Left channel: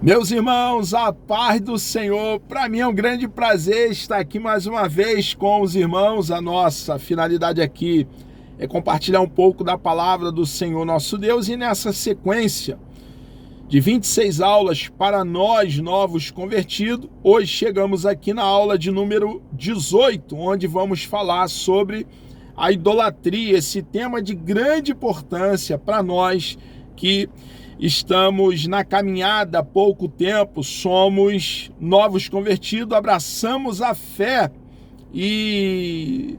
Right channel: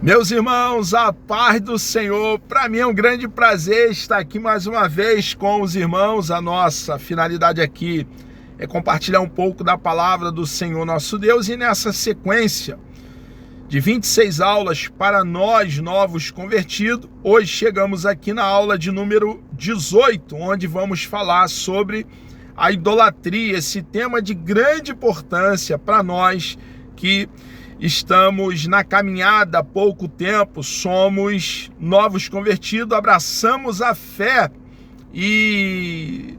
Meus irmãos, a paz do Senhor. Para mim é um grande prazer estar aqui mais uma vez com os irmãos. A nossa finalidade aqui é compartilhar um pouco da palavra do Senhor nosso Deus, e nessa sequência de 26 aulas para nós novos convertidos, hoje chegamos aqui na aula de número 18, onde vamos falar sobre a idolatria, esse tema de grande importância para nós que estamos na caminhada há pouco tempo, somos novos convertidos, abraçamos a fé e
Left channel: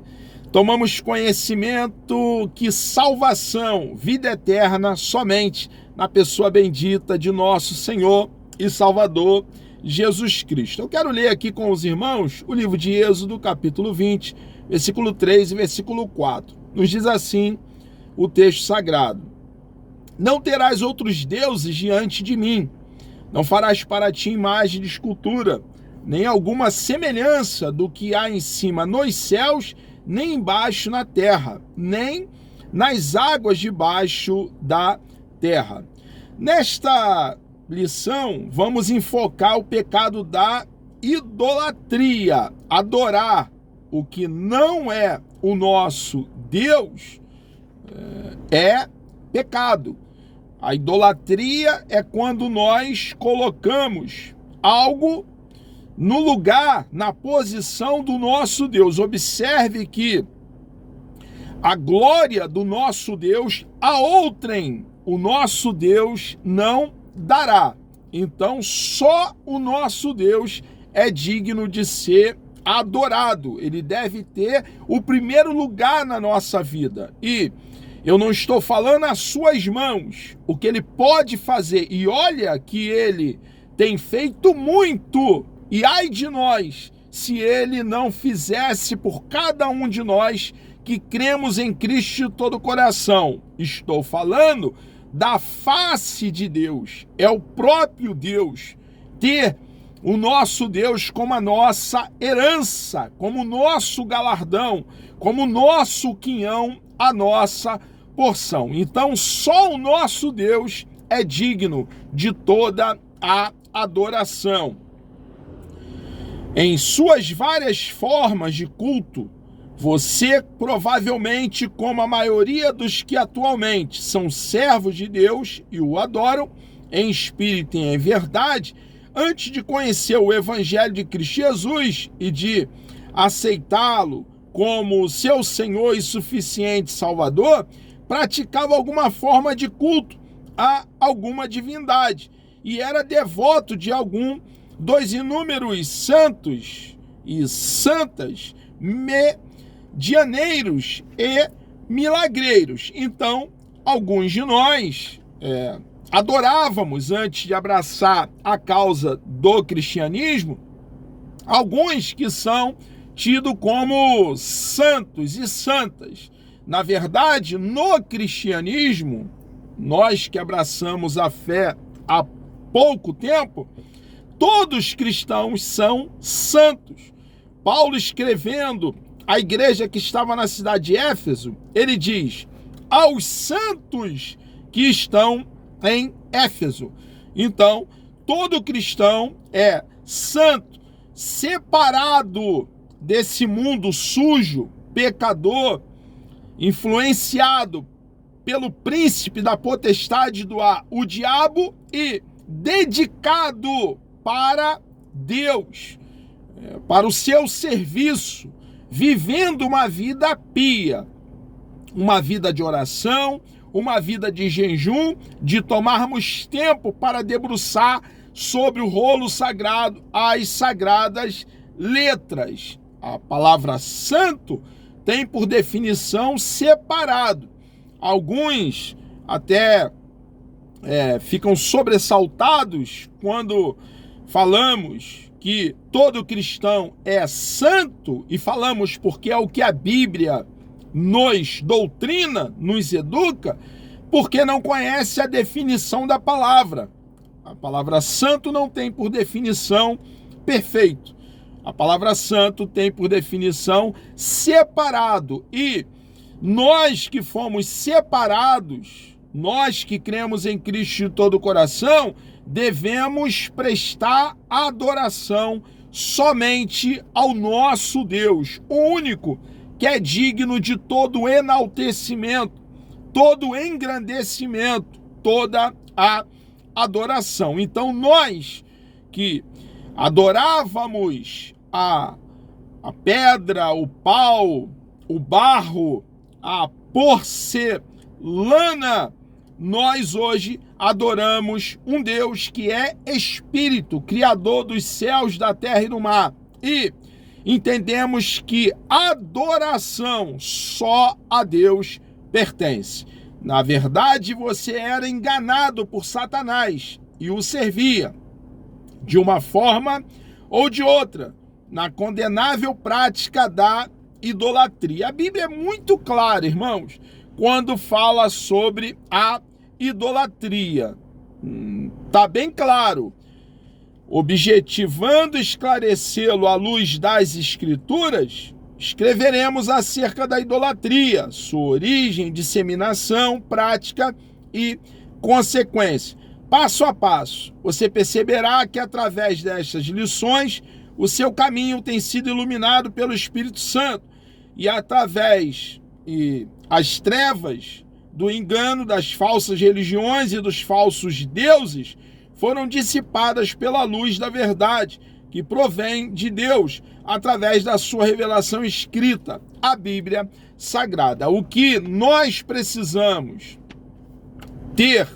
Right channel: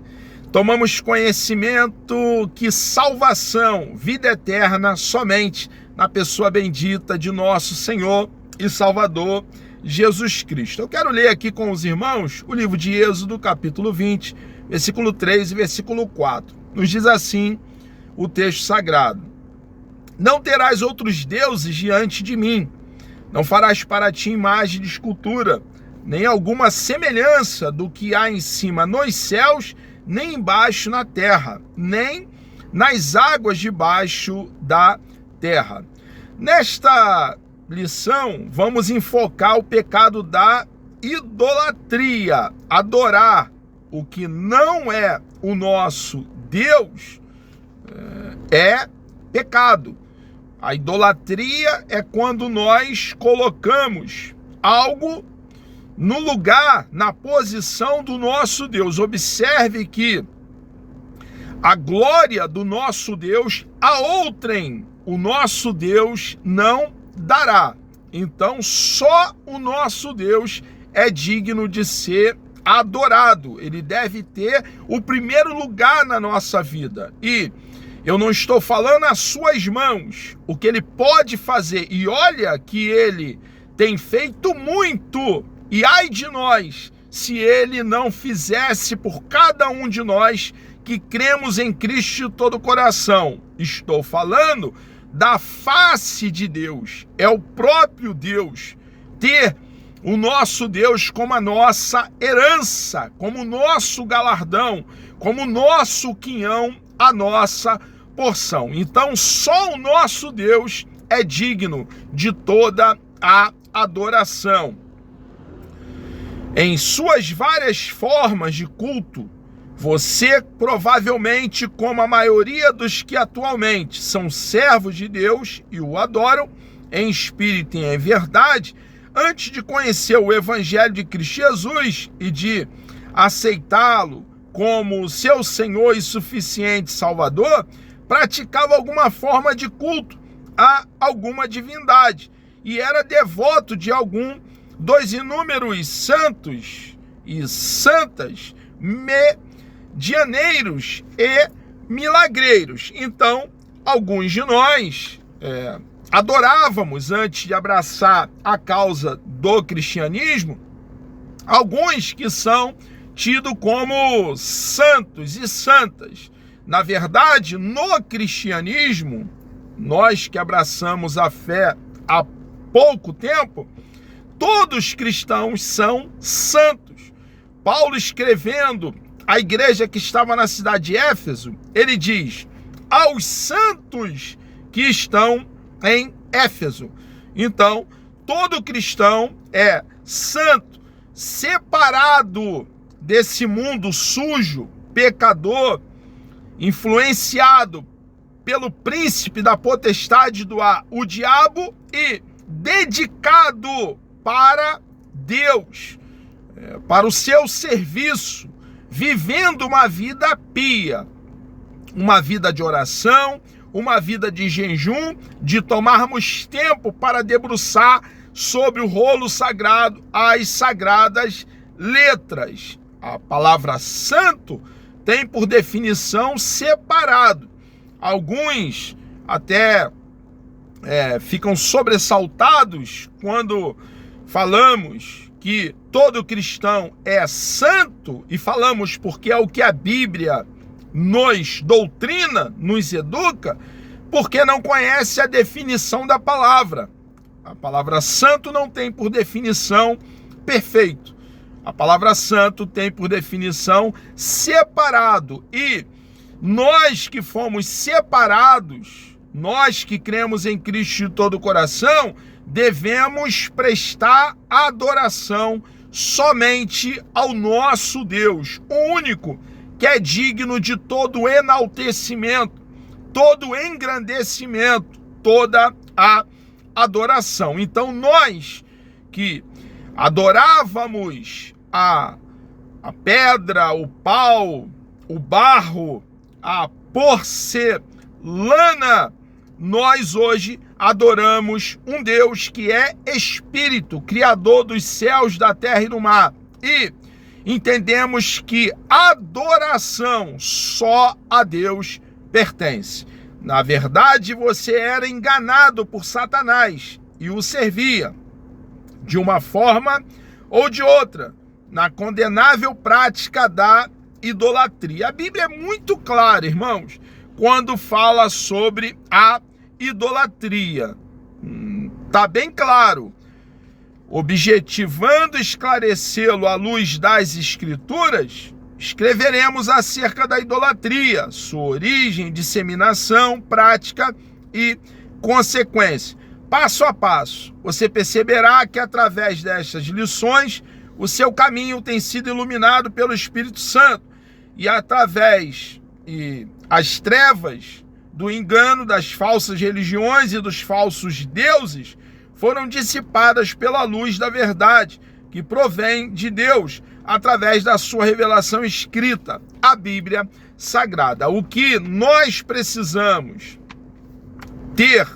tomamos conhecimento que salvação, vida eterna, somente na pessoa bendita de nosso Senhor e Salvador Jesus Cristo. Eu quero ler aqui com os irmãos o livro de Êxodo, capítulo 20, versículo 3 e versículo 4. Nos diz assim o texto sagrado: não terás outros deuses diante de mim, não farás para ti imagem de escultura, nem alguma semelhança do que há em cima nos céus, nem embaixo na terra, nem nas águas debaixo da terra. Nesta lição, vamos enfocar o pecado da idolatria. Adorar o que não é o nosso Deus é pecado. A idolatria é quando nós colocamos algo no lugar, na posição do nosso Deus. Observe que a glória do nosso Deus a outrem o nosso Deus não dará. Então, só o nosso Deus é digno de ser adorado. Ele deve ter o primeiro lugar na nossa vida. E eu não estou falando às suas mãos o que ele pode fazer. E olha que ele tem feito muito. E ai de nós, se ele não fizesse por cada um de nós que cremos em Cristo de todo o coração. Estou falando da face de Deus. É o próprio Deus. Ter o nosso Deus como a nossa herança, como o nosso galardão, como o nosso quinhão, a nossa porção. Então, só o nosso Deus é digno de toda a adoração. Em suas várias formas de culto, você provavelmente, como a maioria dos que atualmente são servos de Deus e o adoram, em espírito e em verdade, antes de conhecer o Evangelho de Cristo Jesus e de aceitá-lo como seu Senhor e suficiente Salvador, praticava alguma forma de culto a alguma divindade e era devoto de algum dos inúmeros santos e santas, medianeiros e milagreiros. Então, alguns de nós adorávamos, antes de abraçar a causa do cristianismo, alguns que são tidos como santos e santas. Na verdade, no cristianismo, nós que abraçamos a fé há pouco tempo, todos cristãos são santos. Paulo, escrevendo à igreja que estava na cidade de Éfeso, ele diz: aos santos que estão em Éfeso. Então, todo cristão é santo, separado desse mundo sujo, pecador, influenciado pelo príncipe da potestade do ar, o diabo, e dedicado para Deus, para o seu serviço, vivendo uma vida pia, uma vida de oração, uma vida de jejum, de tomarmos tempo para debruçar sobre o rolo sagrado, as sagradas letras. A palavra santo tem por definição separado. Alguns até ficam sobressaltados quando falamos que todo cristão é santo, e falamos porque é o que a Bíblia nos doutrina, nos educa, porque não conhece a definição da palavra. A palavra santo não tem por definição perfeito. A palavra santo tem por definição separado. E nós que fomos separados nós que cremos em Cristo de todo o coração, devemos prestar adoração somente ao nosso Deus, o único que é digno de todo enaltecimento, todo engrandecimento, toda a adoração. Então nós que adorávamos a pedra, o pau, o barro, a porcelana, nós hoje adoramos um Deus que é Espírito, Criador dos céus, da terra e do mar. E entendemos que adoração só a Deus pertence. Na verdade, você era enganado por Satanás e o servia, de uma forma ou de outra, na condenável prática da idolatria. A Bíblia é muito clara, irmãos, quando fala sobre a idolatria. Está bem claro. Objetivando esclarecê-lo à luz das Escrituras, escreveremos acerca da idolatria, sua origem, disseminação, prática e consequência. Passo a passo, você perceberá que através destas lições, o seu caminho tem sido iluminado pelo Espírito Santo e através as trevas do engano, das falsas religiões e dos falsos deuses foram dissipadas pela luz da verdade, que provém de Deus, através da sua revelação escrita, a Bíblia Sagrada. O que nós precisamos ter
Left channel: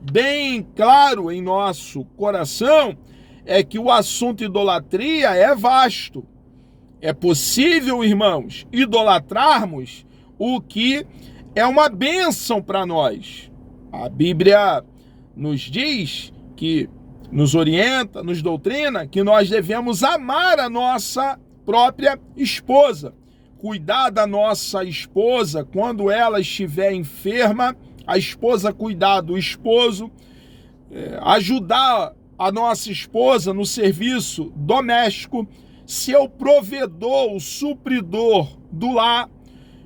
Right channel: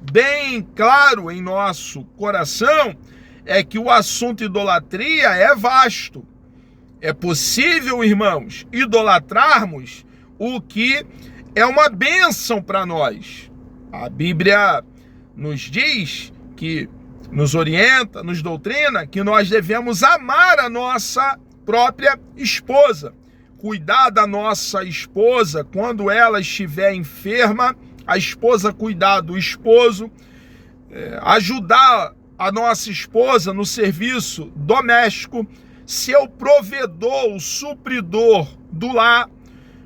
bem claro em nosso coração é que o assunto idolatria é vasto. É possível, irmãos, idolatrarmos o que é uma bênção para nós. A Bíblia nos diz que nos orienta, nos doutrina, que nós devemos amar a nossa própria esposa, cuidar da nossa esposa quando ela estiver enferma, a esposa cuidar do esposo, ajudar a nossa esposa no serviço doméstico, ser o provedor, o supridor do lar.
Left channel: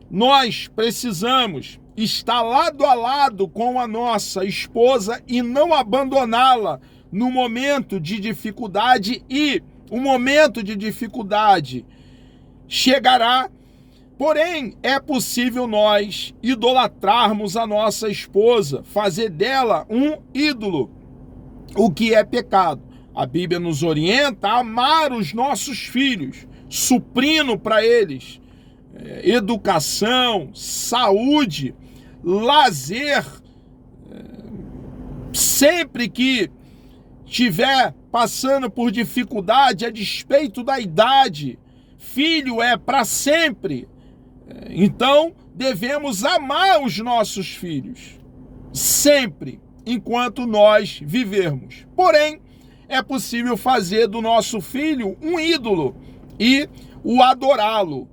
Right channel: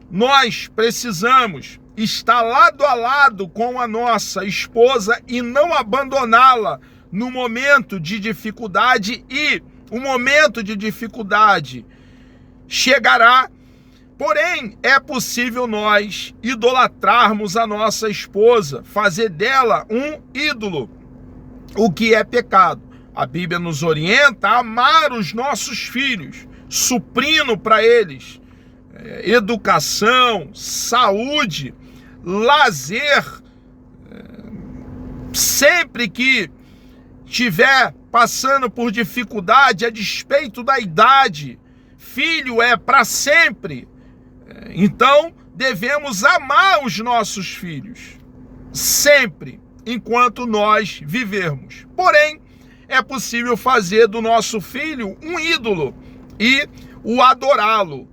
Nós precisamos estar lado a lado com a nossa esposa e não abandoná-la no momento de dificuldade, e o momento de dificuldade chegará. Porém, é possível nós idolatrarmos a nossa esposa, fazer dela um ídolo, o que é pecado. A Bíblia nos orienta a amar os nossos filhos, suprindo para eles educação, saúde, lazer. Sempre que estiver passando por dificuldade, a despeito da idade, filho é para sempre. Então, devemos amar os nossos filhos, sempre, enquanto nós vivermos. Porém, é possível fazer do nosso filho um ídolo e o adorá-lo,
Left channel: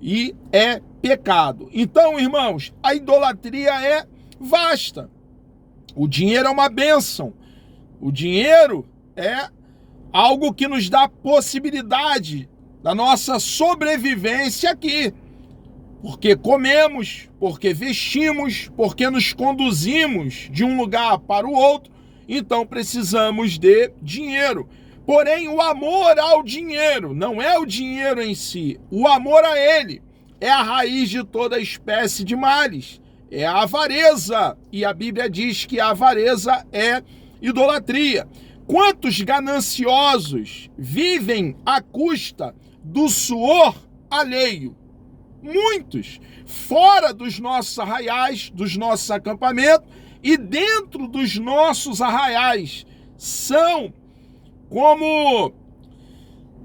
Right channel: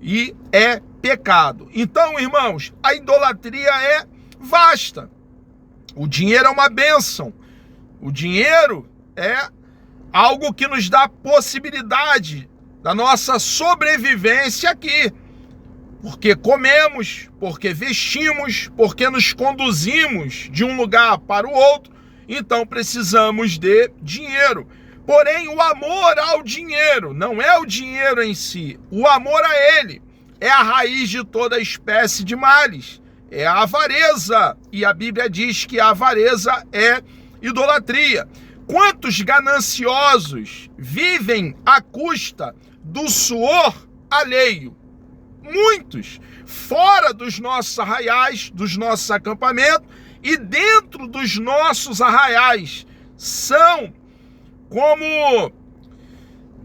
e é pecado. Então, irmãos, a idolatria é vasta. O dinheiro é uma bênção. O dinheiro é algo que nos dá possibilidade da nossa sobrevivência aqui. Porque comemos, porque vestimos, porque nos conduzimos de um lugar para o outro, então precisamos de dinheiro. Porém, o amor ao dinheiro não é o dinheiro em si, o amor a ele é a raiz de toda espécie de males, é a avareza, e a Bíblia diz que a avareza é idolatria. Quantos gananciosos vivem à custa do suor alheio? Muitos, fora dos nossos arraiais, dos nossos acampamentos, e dentro dos nossos arraiais, são como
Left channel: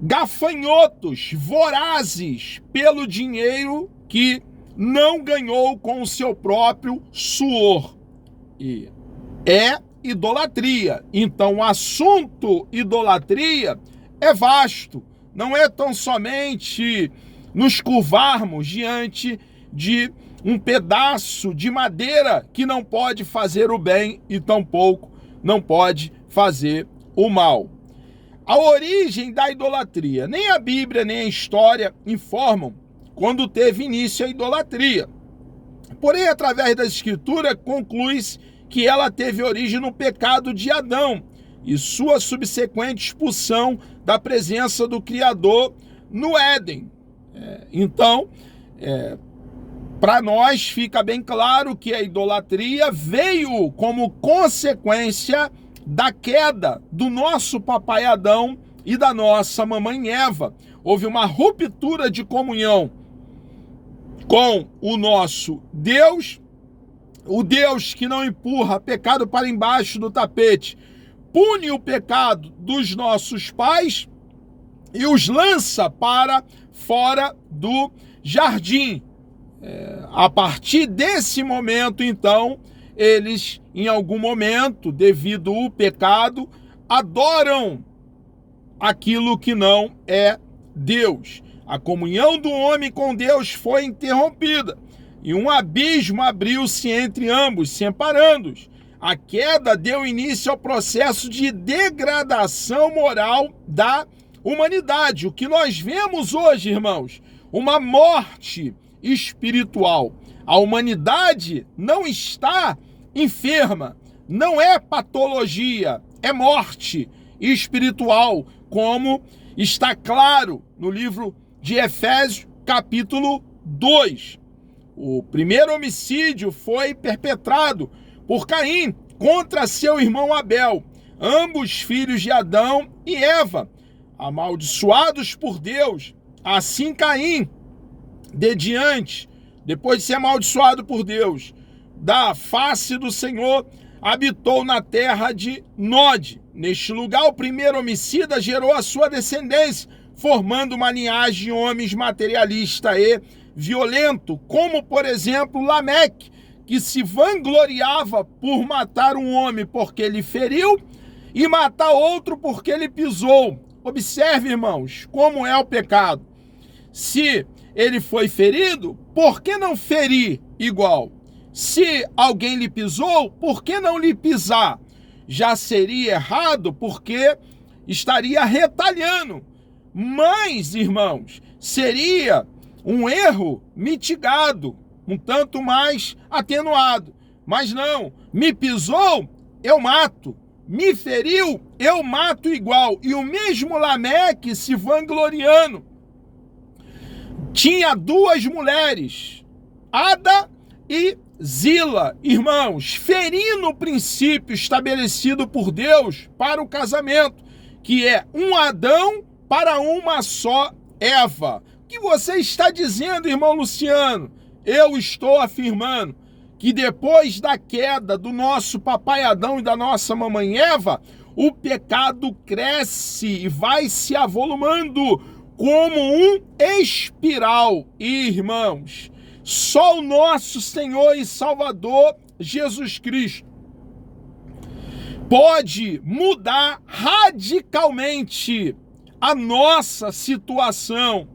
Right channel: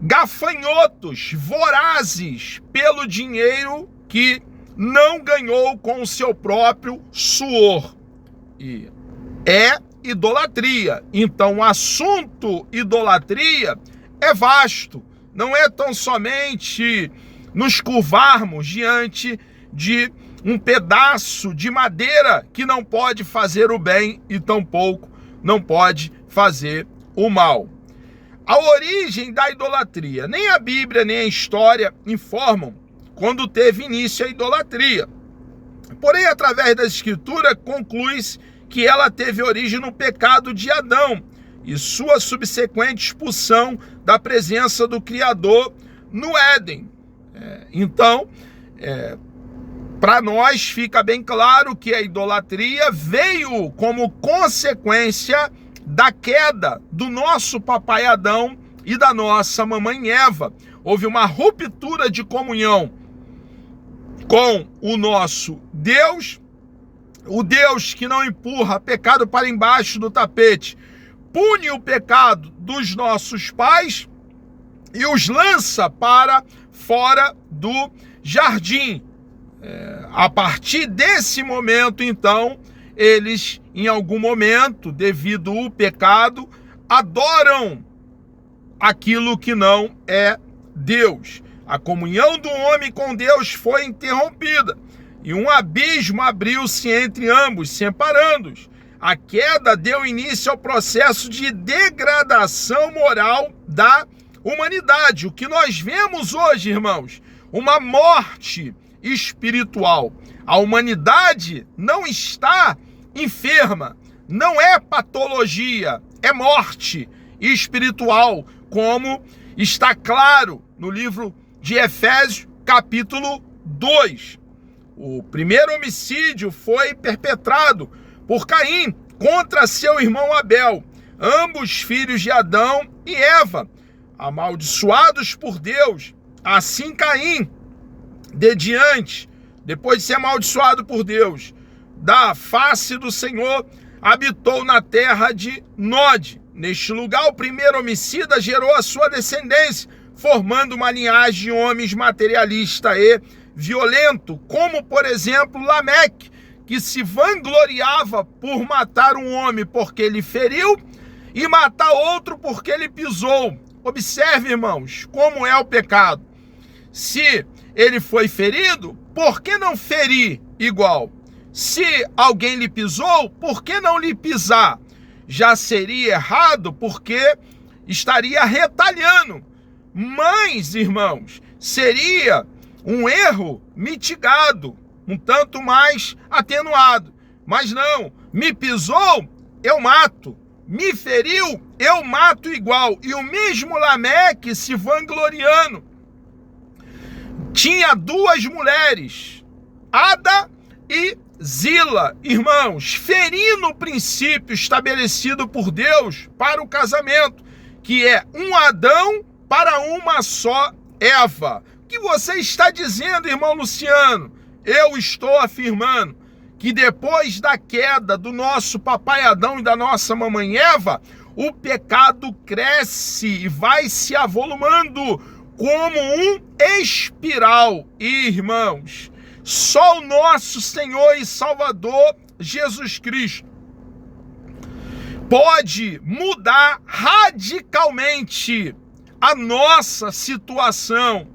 gafanhotos vorazes pelo dinheiro que não ganhou com o seu próprio suor. E é idolatria. Então, o assunto idolatria é vasto. Não é tão somente nos curvarmos diante de um pedaço de madeira que não pode fazer o bem e tampouco não pode fazer o mal. A origem da idolatria. Nem a Bíblia nem a história informam quando teve início a idolatria. Porém, através da Escritura, conclui-se que ela teve origem no pecado de Adão e sua subsequente expulsão da presença do Criador no Éden. Então, para nós fica bem claro que a idolatria veio como consequência da queda do nosso papai Adão e da nossa mamãe Eva. Houve uma ruptura de comunhão com o nosso Deus, o Deus que não empurra pecado para embaixo do tapete, pune o pecado dos nossos pais e os lança para fora do jardim. A partir desse momento, então, eles, em algum momento, devido ao pecado, adoram aquilo que não é Deus. A comunhão do homem com Deus foi interrompida e um abismo abriu-se entre ambos, separando-os. A queda deu início ao processo de degradação moral da humanidade. O que nós vemos hoje, irmãos, uma morte espiritual. A humanidade não está enferma, não é patologia, é morte espiritual, como está claro no livro de Efésios, capítulo 2. O primeiro homicídio foi perpetrado por Caim contra seu irmão Abel, ambos filhos de Adão e Eva, amaldiçoados por Deus. Assim Caim, depois de ser amaldiçoado por Deus, da face do Senhor, habitou na terra de Nod. Neste lugar, o primeiro homicida gerou a sua descendência, formando uma linhagem de homens materialista e violento, como, por exemplo, Lameque, que se vangloriava por matar um homem porque ele feriu e matar outro porque ele pisou. Observe, irmãos, como é o pecado. Se ele foi ferido, por que não ferir igual? Se alguém lhe pisou, por que não lhe pisar? Já seria errado porque estaria retalhando. Mas, irmãos, seria um erro mitigado, um tanto mais atenuado. Mas não, me pisou, eu mato. Me feriu, eu mato igual. E o mesmo Lameque, se vangloriando, tinha duas mulheres, Ada e Zila, irmãos, ferindo o princípio estabelecido por Deus para o casamento, que é um Adão para uma só Eva. O que você está dizendo, irmão Luciano? Eu estou afirmando que depois da queda do nosso papai Adão e da nossa mamãe Eva, o pecado cresce e vai se avolumando como um espiral. Irmãos, só o nosso Senhor e Salvador Jesus Cristo pode mudar radicalmente a nossa situação,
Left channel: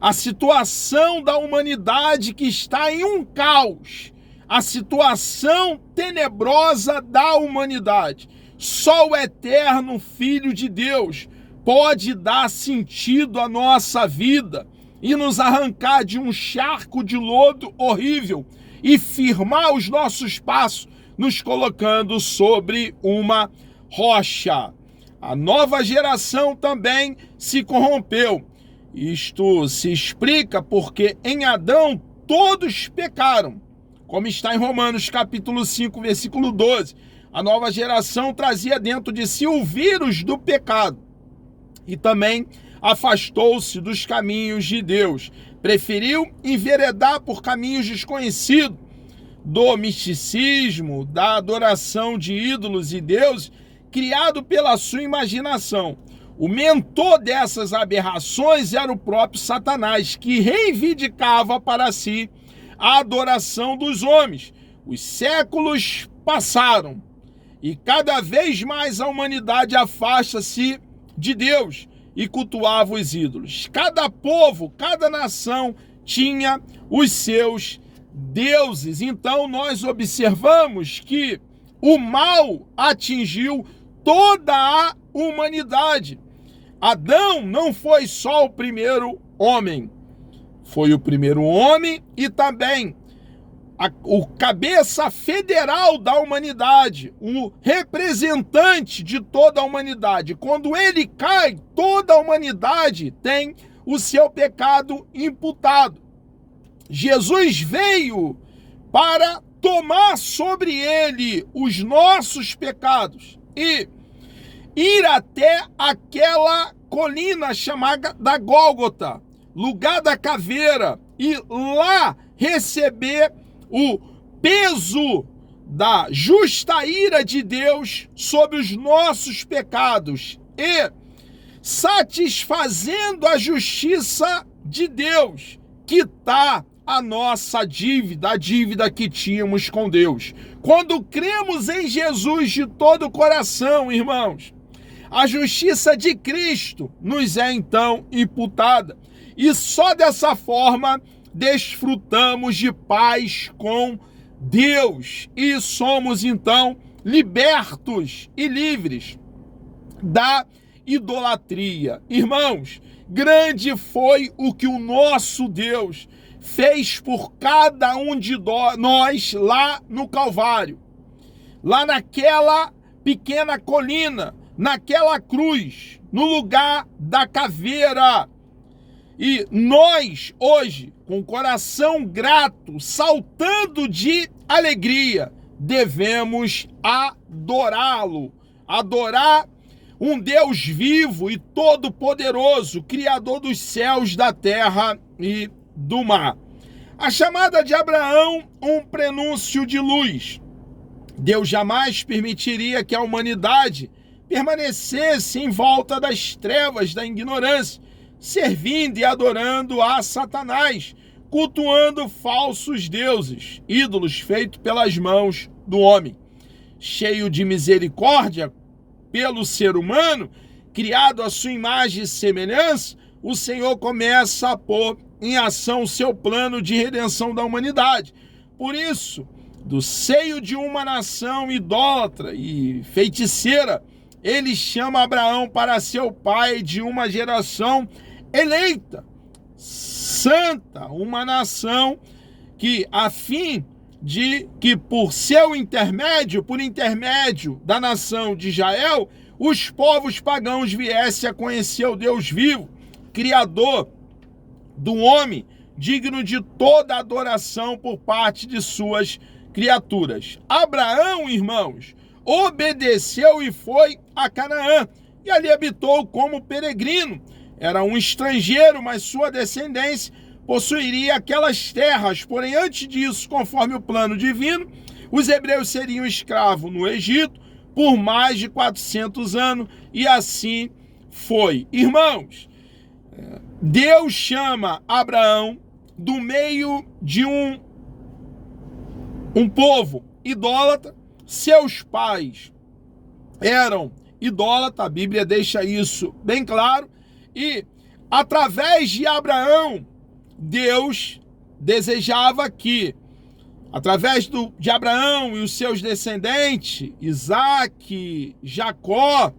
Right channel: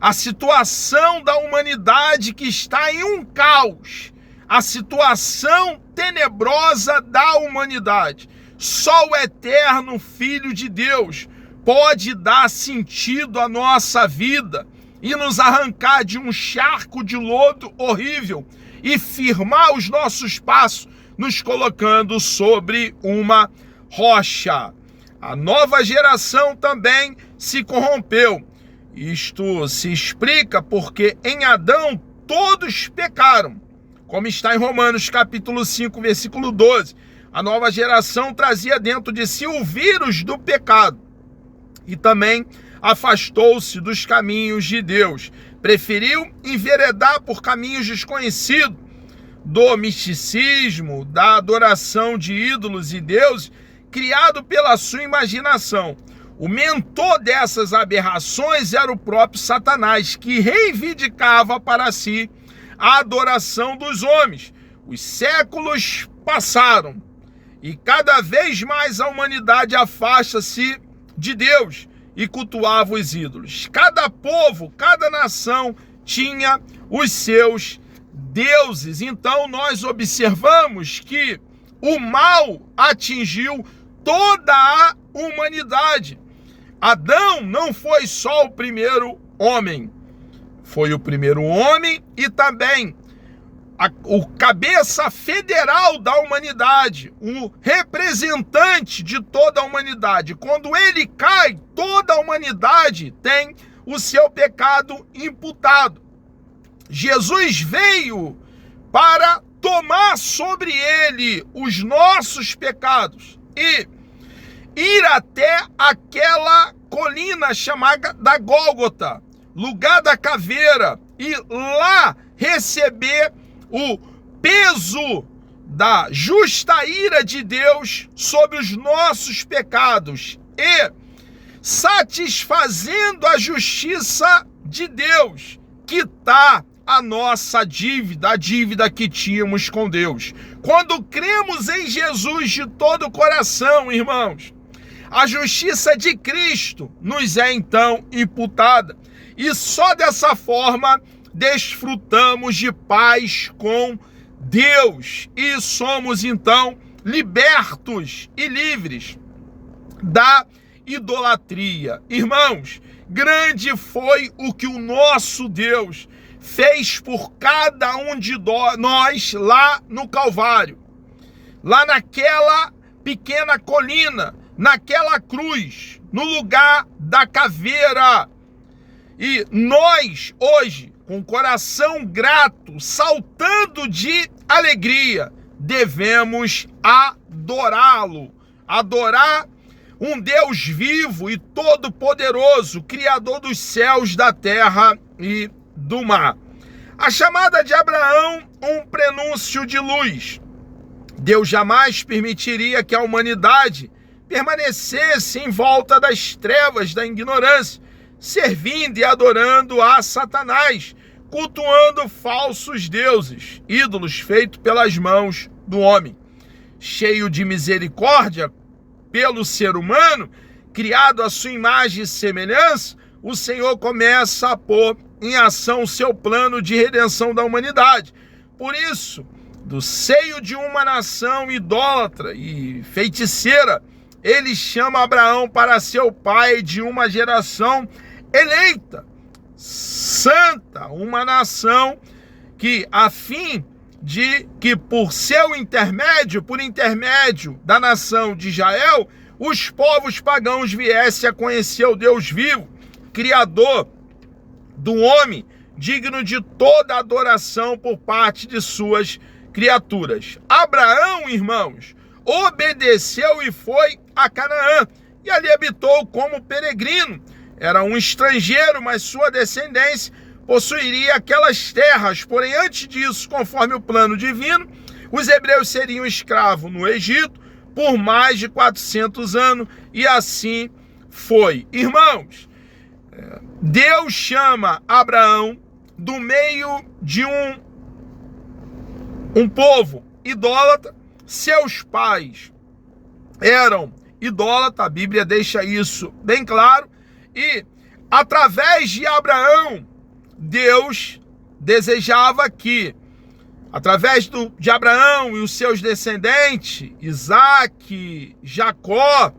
a situação da humanidade que está em um caos, a situação tenebrosa da humanidade. Só o eterno Filho de Deus pode dar sentido à nossa vida e nos arrancar de um charco de lodo horrível e firmar os nossos passos, nos colocando sobre uma rocha. A nova geração também se corrompeu. Isto se explica porque em Adão todos pecaram. Como está em Romanos capítulo 5, versículo 12. A nova geração trazia dentro de si o vírus do pecado e também afastou-se dos caminhos de Deus. Preferiu enveredar por caminhos desconhecidos do misticismo, da adoração de ídolos e deuses, criado pela sua imaginação. O mentor dessas aberrações era o próprio Satanás, que reivindicava para si a adoração dos homens. Os séculos passaram e cada vez mais a humanidade afasta-se de Deus e cultuava os ídolos. Cada povo, cada nação tinha os seus deuses. Então nós observamos que o mal atingiu toda a humanidade. Adão não foi só o primeiro homem, foi o primeiro homem e também o cabeça federal da humanidade, o representante de toda a humanidade. Quando ele cai, toda a humanidade tem o seu pecado imputado. Jesus veio para tomar sobre ele os nossos pecados e ir até aquela colina chamada da Gólgota, lugar da caveira, e lá receber o peso da justa ira de Deus sobre os nossos pecados e satisfazendo a justiça de Deus, quitar a nossa dívida, a dívida que tínhamos com Deus. Quando cremos em Jesus de todo o coração, irmãos, a justiça de Cristo nos é então imputada. E só dessa forma desfrutamos de paz com Deus e somos então libertos e livres da idolatria. Irmãos, grande foi o que o nosso Deus fez por cada um de nós lá no Calvário, lá naquela pequena colina, naquela cruz, no lugar da caveira. E nós, hoje, com o coração grato, saltando de alegria, devemos adorá-lo, adorar um Deus vivo e todo-poderoso, Criador dos céus, da terra e do mar. A chamada de Abraão, um prenúncio de luz. Deus jamais permitiria que a humanidade permanecesse em volta das trevas da ignorância, servindo e adorando a Satanás, cultuando falsos deuses, ídolos feitos pelas mãos do homem. Cheio de misericórdia pelo ser humano, criado à sua imagem e semelhança, o Senhor começa a pôr em ação o seu plano de redenção da humanidade. Por isso, do seio de uma nação idólatra e feiticeira, ele chama Abraão para ser o pai de uma geração eleita, santa, uma nação que, a fim de que por seu intermédio, por intermédio da nação de Israel, os povos pagãos viessem a conhecer o Deus vivo, Criador do homem, digno de toda adoração por parte de suas criaturas. Abraão, irmãos, obedeceu e foi a Canaã, e ali habitou como peregrino. Era um estrangeiro, mas sua descendência possuiria aquelas terras. Porém, antes disso, conforme o plano divino, os hebreus seriam escravos no Egito por mais de 400 anos, e assim foi. Irmãos, Deus chama Abraão do meio de um povo idólatra. Seus pais eram idólatras, a Bíblia deixa isso bem claro, e através de Abraão, Deus desejava que, através de Abraão e os seus descendentes, Isaque, Jacó,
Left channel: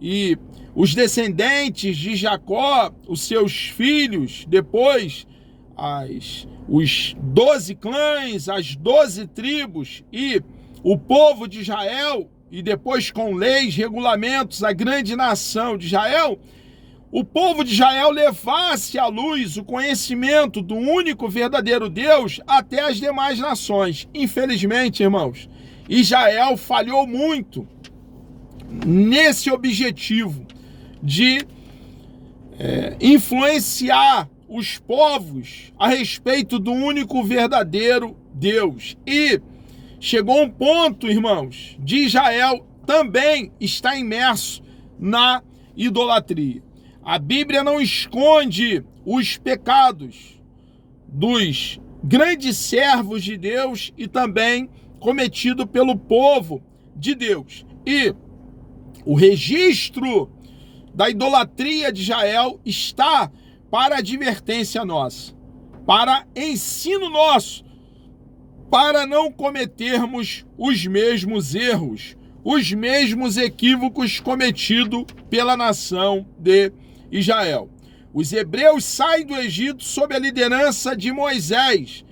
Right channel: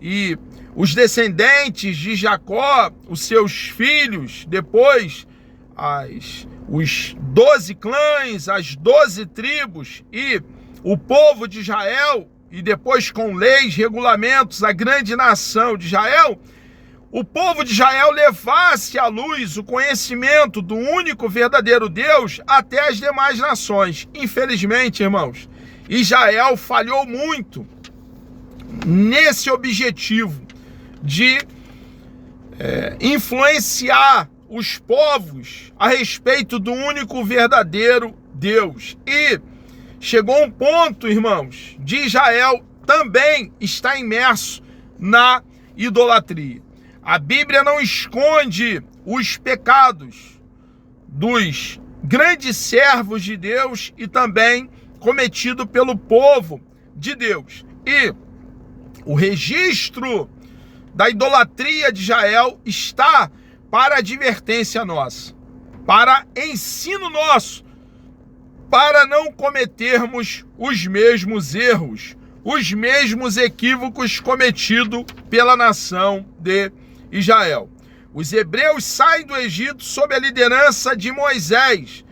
e os descendentes de Jacó, os seus filhos, depois os 12 clãs, as 12 tribos e o povo de Israel, e depois com leis, regulamentos, a grande nação de Israel, o povo de Israel levasse à luz o conhecimento do único verdadeiro Deus até as demais nações. Infelizmente, irmãos, Israel falhou muito nesse objetivo de influenciar os povos a respeito do único verdadeiro Deus. E chegou um ponto, irmãos, de Israel também estar imerso na idolatria. A Bíblia não esconde os pecados dos grandes servos de Deus e também cometido pelo povo de Deus. E o registro da idolatria de Israel está para advertência nossa, para ensino nosso, para não cometermos os mesmos erros, os mesmos equívocos cometidos pela nação de Israel. Os hebreus saem do Egito sob a liderança de Moisés.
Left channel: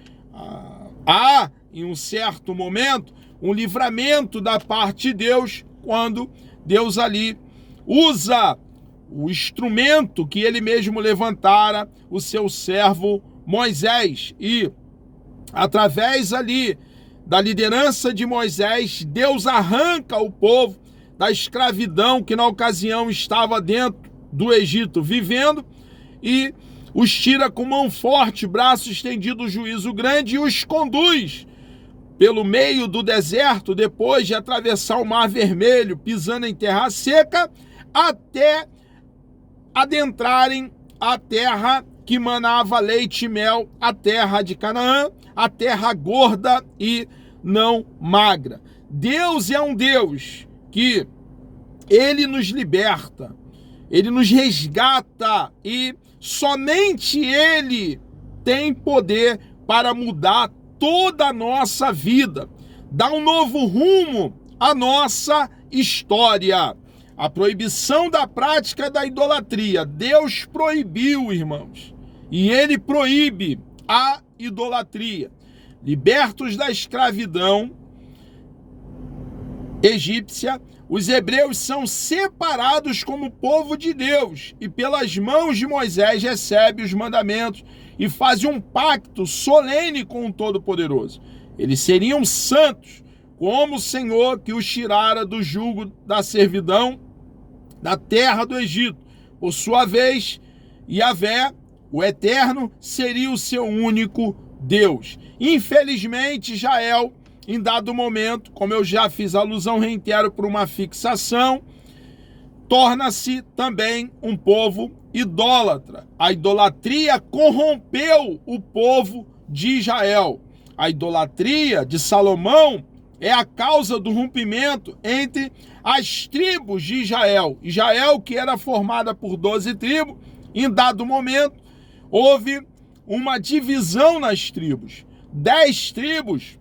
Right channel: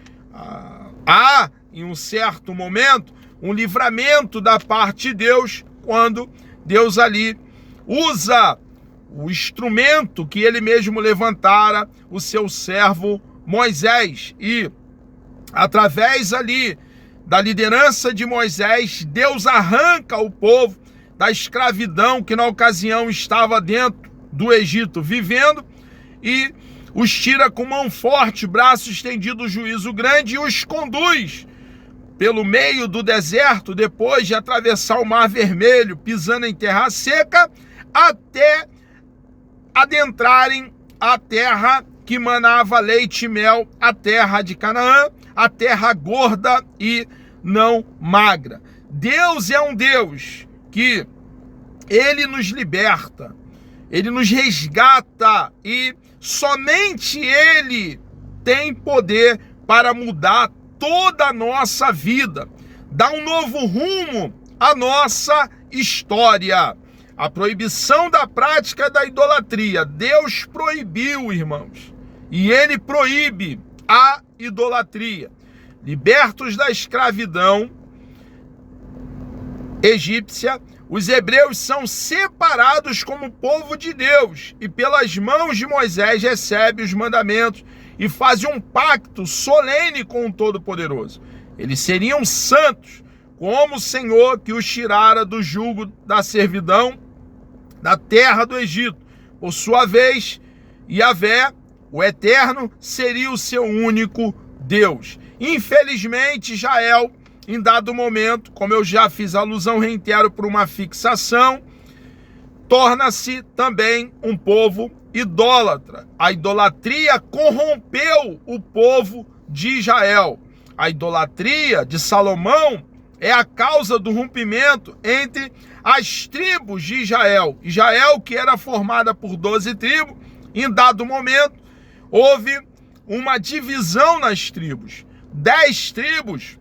há, em um certo momento, um livramento da parte de Deus, quando Deus ali usa o instrumento que ele mesmo levantara, o seu servo Moisés. E através ali da liderança de Moisés, Deus arranca o povo da escravidão que na ocasião estava dentro do Egito vivendo e os tira com mão forte, braço estendido, juízo grande, e os conduz pelo meio do deserto, depois de atravessar o Mar Vermelho, pisando em terra seca, até adentrarem a terra que manava leite e mel, a terra de Canaã, a terra gorda e não magra. Deus é um Deus que ele nos liberta, ele nos resgata e somente ele tem poder para mudar toda a nossa vida, dar um novo rumo à nossa história. A proibição da prática da idolatria. Deus proibiu, irmãos, e ele proíbe a idolatria. Libertos da escravidão egípcia, os hebreus são separados como povo de Deus e pelas mãos de Moisés recebem os mandamentos e fazem um pacto solene com o Todo-Poderoso. Eles seriam santos, como o Senhor que os tirara do jugo da servidão da terra do Egito. Por sua vez, Yahvé, o Eterno, seria o seu único Deus. Infelizmente, Israel, em dado momento, como eu já fiz alusão, reitero, por uma fixação, torna-se também um povo idólatra. A idolatria corrompeu o povo de Israel. A idolatria de Salomão é a causa do rompimento entre as tribos de Israel. Israel, que era formada por 12 tribos, em dado momento, houve uma divisão nas tribos. 10 tribos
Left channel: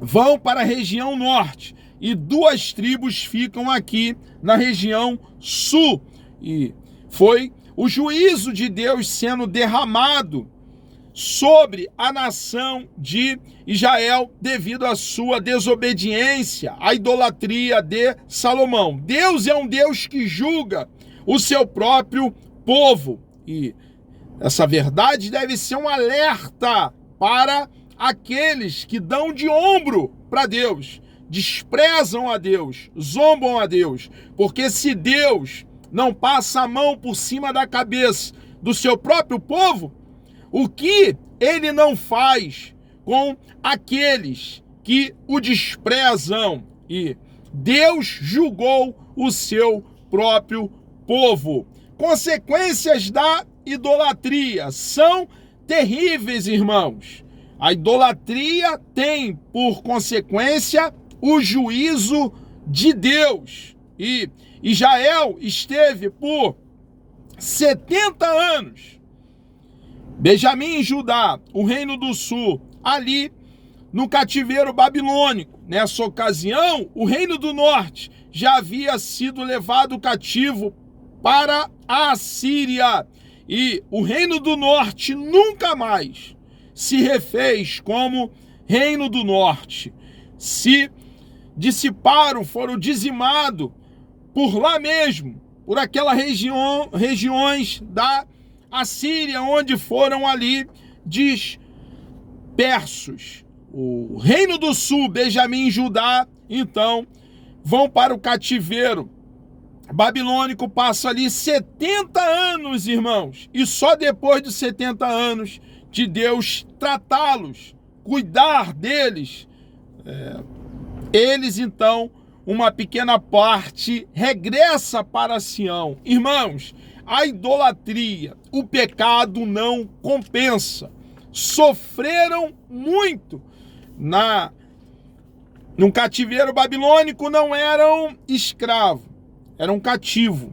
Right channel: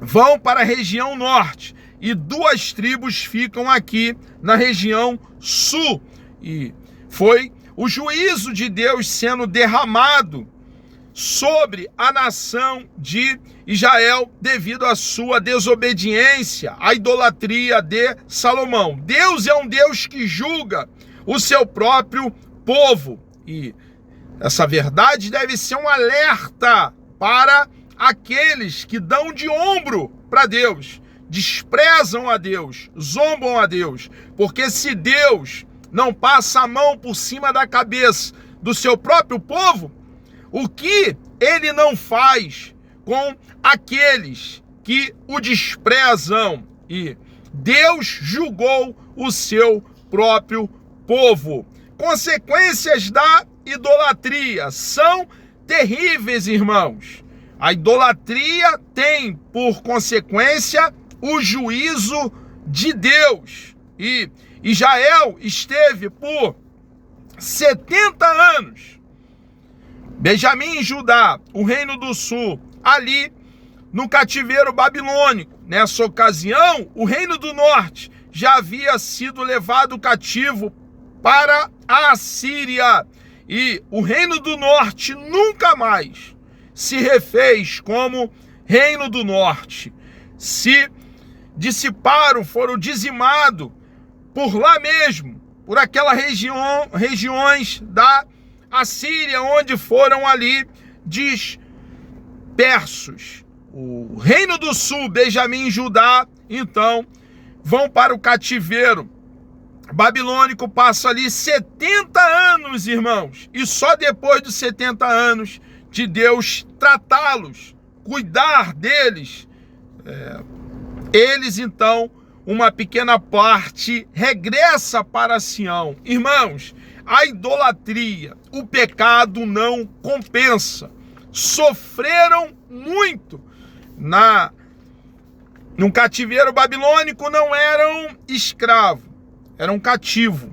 vão para a região norte e 2 tribos ficam aqui na região sul. E foi o juízo de Deus sendo derramado sobre a nação de Israel devido à sua desobediência, à idolatria de Salomão. Deus é um Deus que julga o seu próprio povo. E essa verdade deve ser um alerta para aqueles que dão de ombro para Deus, desprezam a Deus, zombam a Deus, porque se Deus não passa a mão por cima da cabeça do seu próprio povo, o que ele não faz com aqueles que o desprezam? E Deus julgou o seu próprio povo. Consequências da idolatria são terríveis, irmãos. A idolatria tem por consequência o juízo de Deus. E Israel esteve por 70 anos, Benjamim e Judá, o reino do sul, ali no cativeiro babilônico. Nessa ocasião, o reino do norte já havia sido levado cativo para a Assíria. E o reino do norte nunca mais se refez como reino do norte. Se dissiparam, foram dizimados por lá mesmo, por aquela regiões da Assíria, onde foram ali dispersos. O reino do sul, Benjamim e Judá, então, vão para o cativeiro babilônico, passam ali 70 anos, irmãos, e só depois dos 70 anos de Deus tratá-los, cuidar deles, eles então, uma pequena parte regressa para Sião. Irmãos, a idolatria, o pecado não compensa. Sofreram muito no cativeiro babilônico, não eram escravos, eram cativos.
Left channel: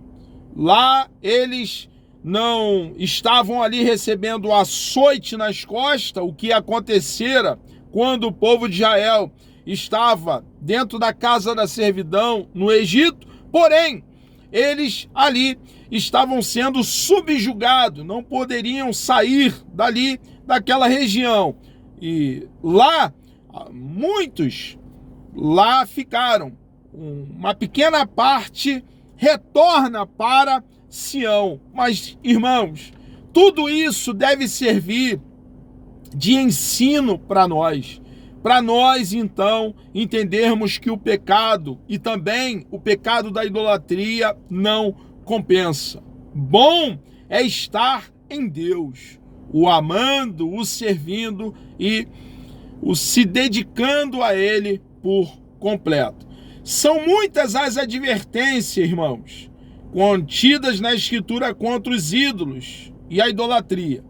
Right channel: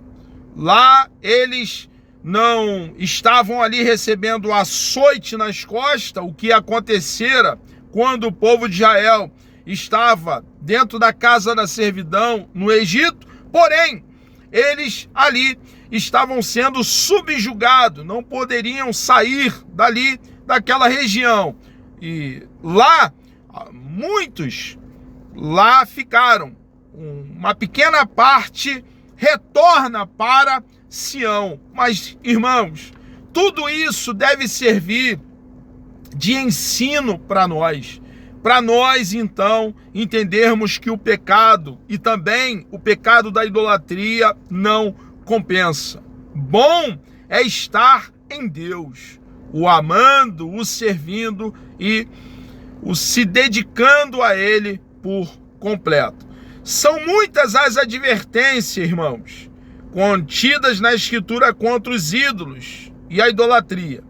Lá eles não estavam ali recebendo açoite nas costas, o que acontecera quando o povo de Israel estava dentro da casa da servidão no Egito, porém, eles ali estavam sendo subjugados, não poderiam sair dali, daquela região. e lá muitos lá ficaram. Uma pequena parte retorna para Sião. Mas, irmãos, tudo isso deve servir de ensino para nós. Para nós, então, entendermos que o pecado e também o pecado da idolatria não compensa. Bom é estar em Deus, o amando, o servindo e o se dedicando a Ele por completo. São muitas as advertências, irmãos, contidas na Escritura contra os ídolos e a idolatria.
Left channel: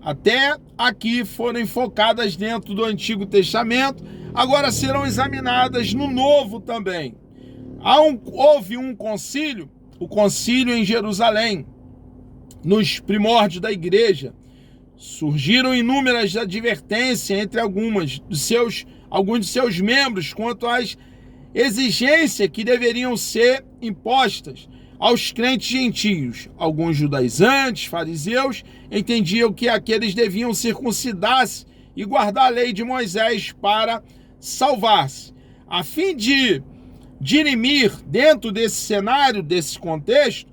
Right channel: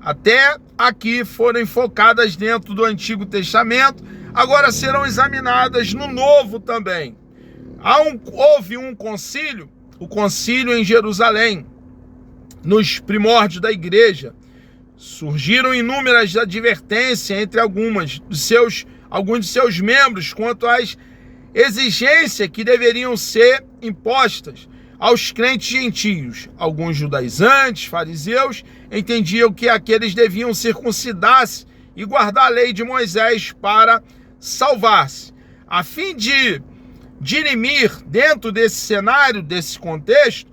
Até aqui foram enfocadas dentro do Antigo Testamento, agora serão examinadas no Novo também. Houve um concílio, o concílio em Jerusalém, nos primórdios da igreja. Surgiram inúmeras advertências entre alguns de seus membros quanto às exigências que deveriam ser impostas aos crentes gentios. Alguns judaizantes, fariseus, entendiam que aqueles deviam circuncidar-se e guardar a lei de Moisés para salvar-se. A fim de dirimir, dentro desse cenário, desse contexto,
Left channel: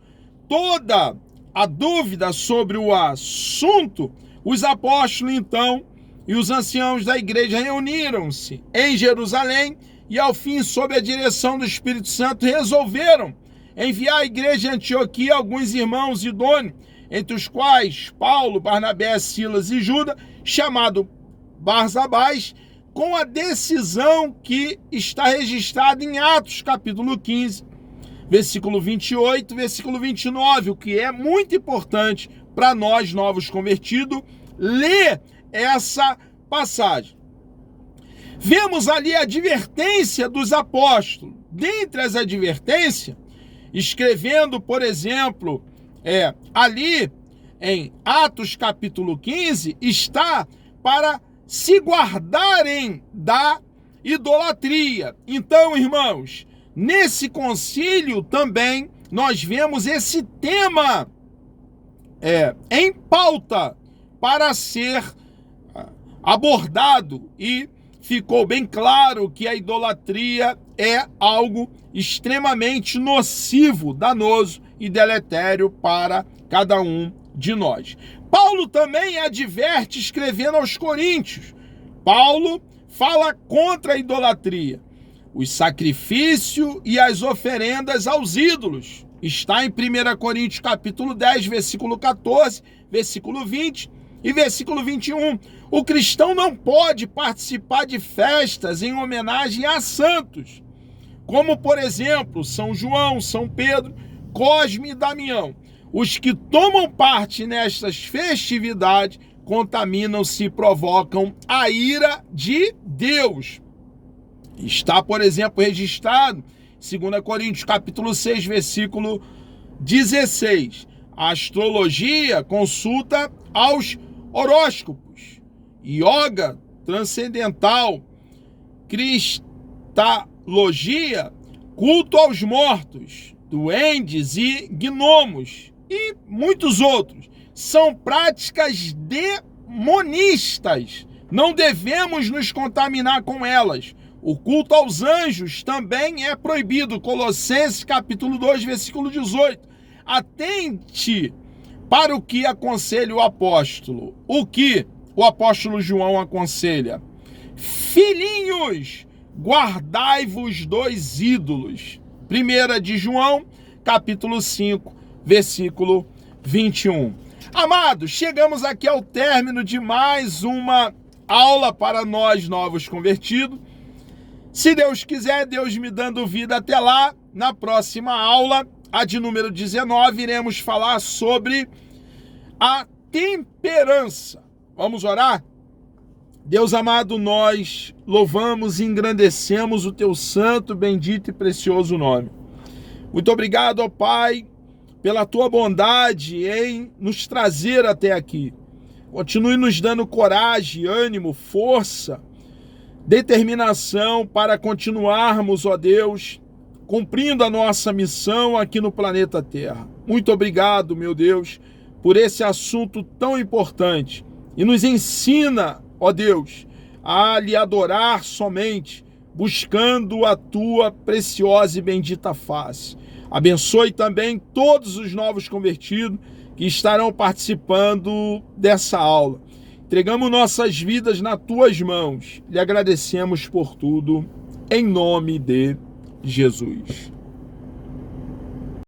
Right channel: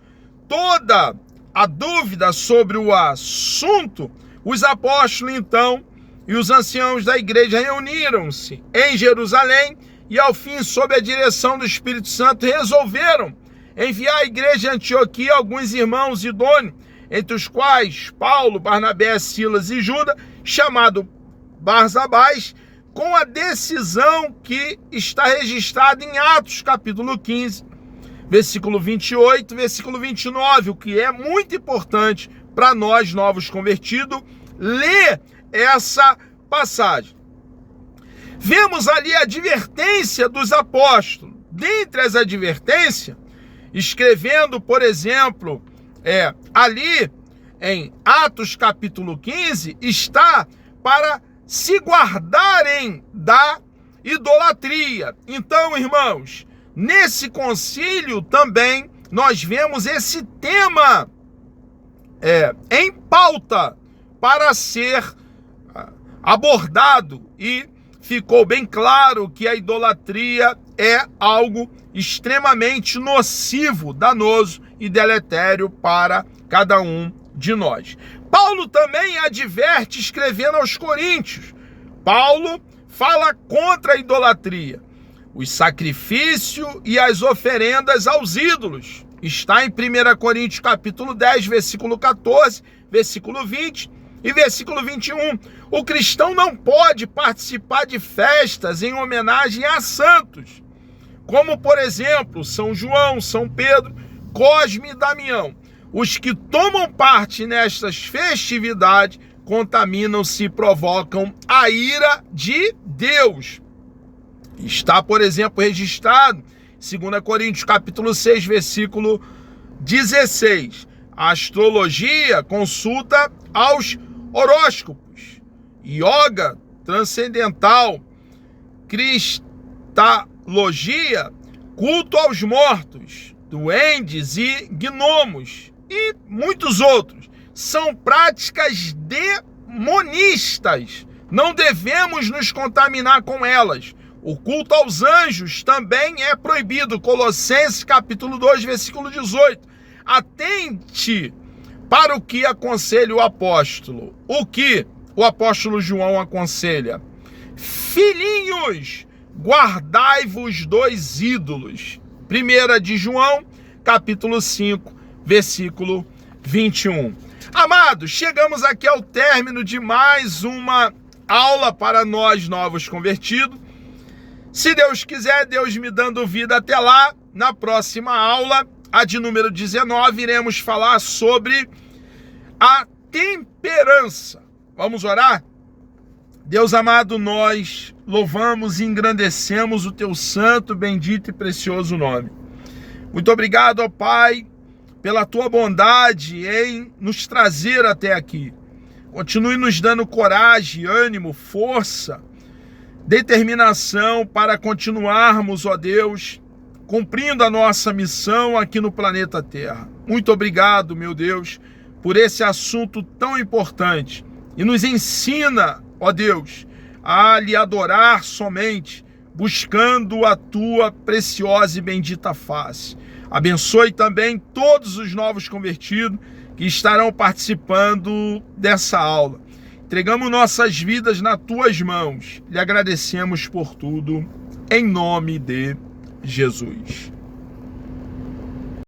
toda a dúvida sobre o assunto, os apóstolos, então, e os anciãos da igreja reuniram-se em Jerusalém e, ao fim, sob a direção do Espírito Santo, resolveram enviar à igreja de Antioquia alguns irmãos idôneos, entre os quais Paulo, Barnabé, Silas e Judas, chamado Barsabás, com a decisão que está registrada em Atos, capítulo 15, versículo 28, versículo 29, o que é muito importante para nós, novos convertidos, ler essa passagem. Vemos ali a advertência dos apóstolos. Dentre as advertências, escrevendo, por exemplo, ali em Atos capítulo 15, está para se guardarem da idolatria. Então, irmãos, nesse concílio também nós vemos esse tema em pauta para ser abordado, e ficou bem claro que a idolatria é algo extremamente nocivo, danoso e deletério para cada um de nós. Paulo também adverte escrevendo aos Coríntios. Paulo fala contra a idolatria, os sacrifícios e as oferendas aos ídolos. Está em 1 Coríntios capítulo 10, versículo 14, versículo 20 e versículo 21. O cristão não pode participar de festas em homenagem a santos, como, por exemplo, São João, São Pedro, Cosme e Damião. Os que tomam parte nestas festividades contaminam-se e provocam a ira de Deus. Está, por exemplo, registrado em 2 Coríntios capítulo 6, versículo 16. A astrologia consulta aos horóscopos, yoga transcendental, cristalogia, culto aos mortos, duendes e gnomos e muitos outros. São práticas demonistas. Não devemos nos contaminar com elas. O culto aos anjos também é proibido. Colossenses capítulo 2, versículo 18. Atente para o que aconselha o apóstolo. O que o apóstolo João aconselha? Filhinhos, guardai-vos dos ídolos. 1 de João, capítulo 5, versículo 21. Amados, chegamos aqui ao término de mais uma aula para nós novos convertidos. Se Deus quiser, Deus me dando vida até lá, na próxima aula, a de número 19, iremos falar sobre a temperança. Vamos orar? Deus amado, nós louvamos e engrandecemos o teu santo, bendito e precioso nome. Muito obrigado, ó Pai, pela tua bondade em nos trazer até aqui. Continue nos dando coragem, ânimo, força, determinação para continuarmos, ó Deus, cumprindo a nossa missão aqui no planeta Terra. Muito obrigado, meu Deus, por esse assunto tão importante. E nos ensina, ó Deus, a lhe adorar somente, buscando a tua preciosa e bendita face. Abençoe também todos os novos convertidos que estarão participando dessa aula. Entregamos nossas vidas nas tuas mãos. Lhe agradecemos por tudo, em nome de Jesus.